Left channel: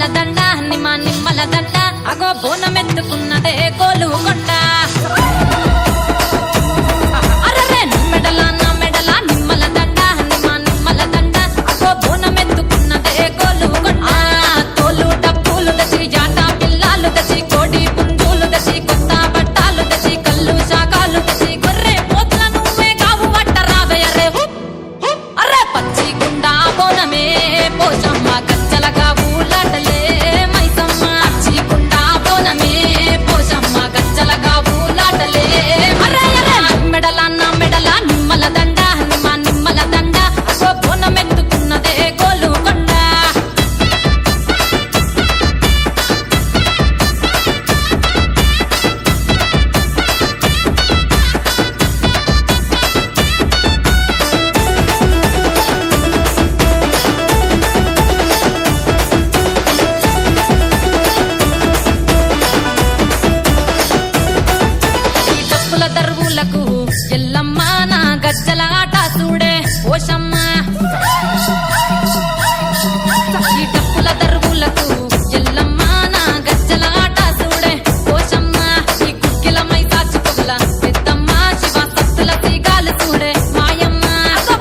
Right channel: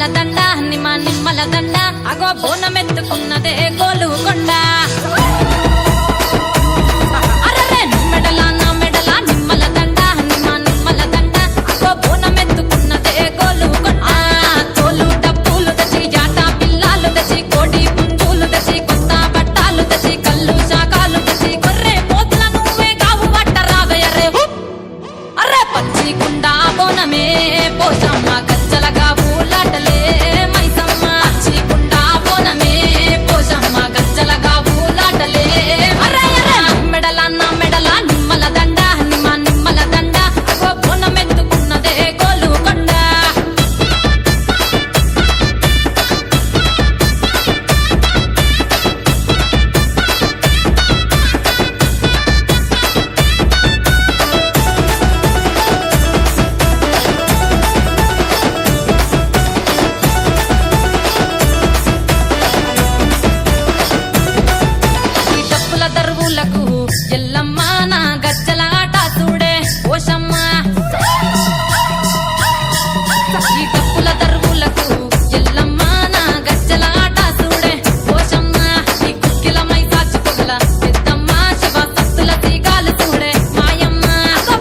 నిమ్మల దండ నిమ్మల దండ అగో బోనమెత్తుకున్నదే గోలుకొండ అరెరే మెడల నా మెడల నిమ్మల దండ నిమ్మల దండ అగో బోనమెత్తుకున్నదే గోలుకొండ తోలు డప్పులు దచి జాట పిల్లాలు దచి కోడి పుంజులు దచి కొత్త బట్టాలు దచి కళ్ళు శాకాలు దచి గొర్రె పోతుల నువ్వే గావు వట్ట రావయ్యరే అరే పచ్చి కుండా బోనమే పోషమ్మ గజ్జలగా ఊలాటలే మైసమ్మ పచ్చి కుండా బోనమే పోషమ్మ గజ్జలగా ఊలాటలే అరే అరే మెడల నా మెడల నిమ్మల దండ నిమ్మల దండ అగో బోనమెత్తుకున్నదే గోలుకొండ దరువులకు ఎల్లమ్మ నా గజ్జల ఆట చూడే ఓషమ్మ ఈ డప్పుల దరువులకు ఎల్లమ్మ నా గజ్జల ఆట చూడే ఓషమ్మ ఈ కుక్కిల మైసాచి పొగల పెద్దమ్మ శివ సత్తుల తీగాలు చూడే మాయమ్మ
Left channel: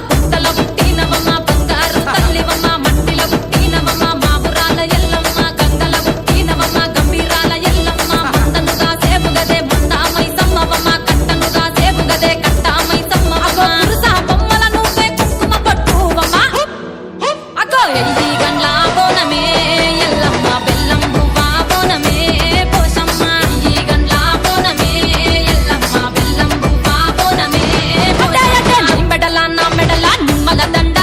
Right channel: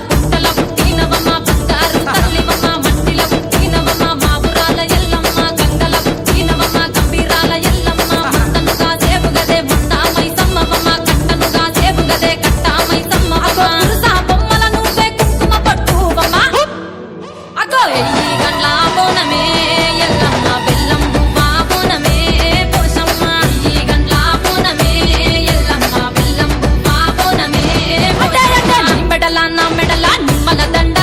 పుట్టల పుట్టినవమ్మ బంగారు తల్లివమ్మ మంటిల పుట్టినవమ్మ మావురాల ఎల్లమ్మ గంగల పుట్టినవమ్మ గంభీరాల ఎల్లమ్మ మందనుగా సేపుగదే మందా మైసమ్మవమ్మ గదే కట్టామై సమ్మవమ్మ పురుసా బొమ్మల నువ్వే కుంకుమ పట్టువమ్మ అగో ఎయ్యి గండ్ల బోనమే ఎల్లమ్మ బెల్లం బువ్వా బోనమే పోషమ్మ ఎయ్యి గండ్ల బోనమే ఎల్లమ్మ బెల్లం బువ్వా బోనమే మెడల నా మెడల నిమ్మల దండ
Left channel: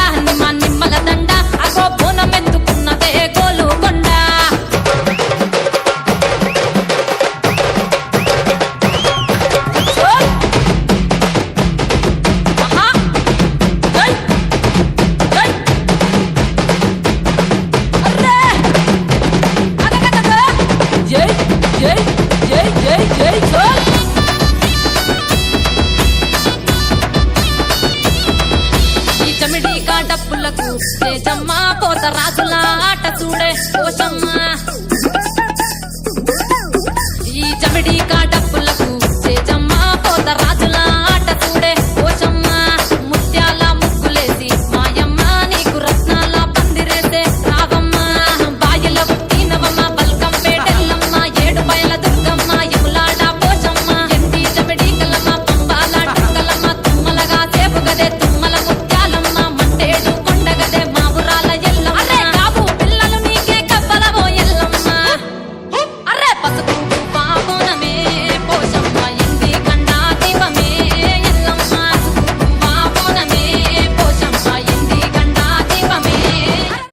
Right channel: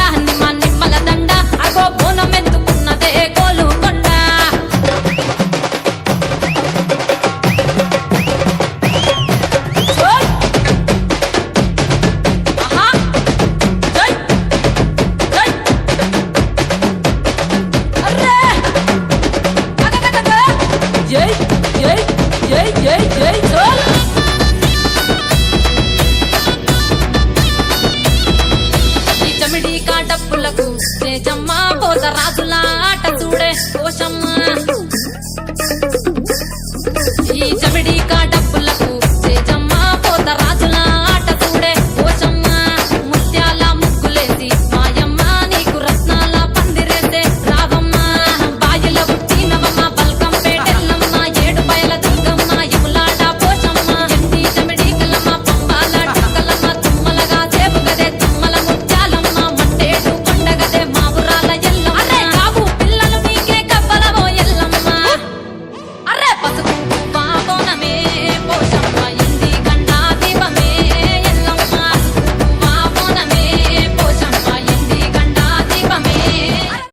నిమ్మల దండ అగో బోనమెత్తుకున్నదే గోలుకొండ జై జై జై జై జై చల్ ఈ చమిడి కాటప్పులకు చేజమ్మ పోత రాజుల ఆట చూడే పోషమ్మ ఈ చమిడి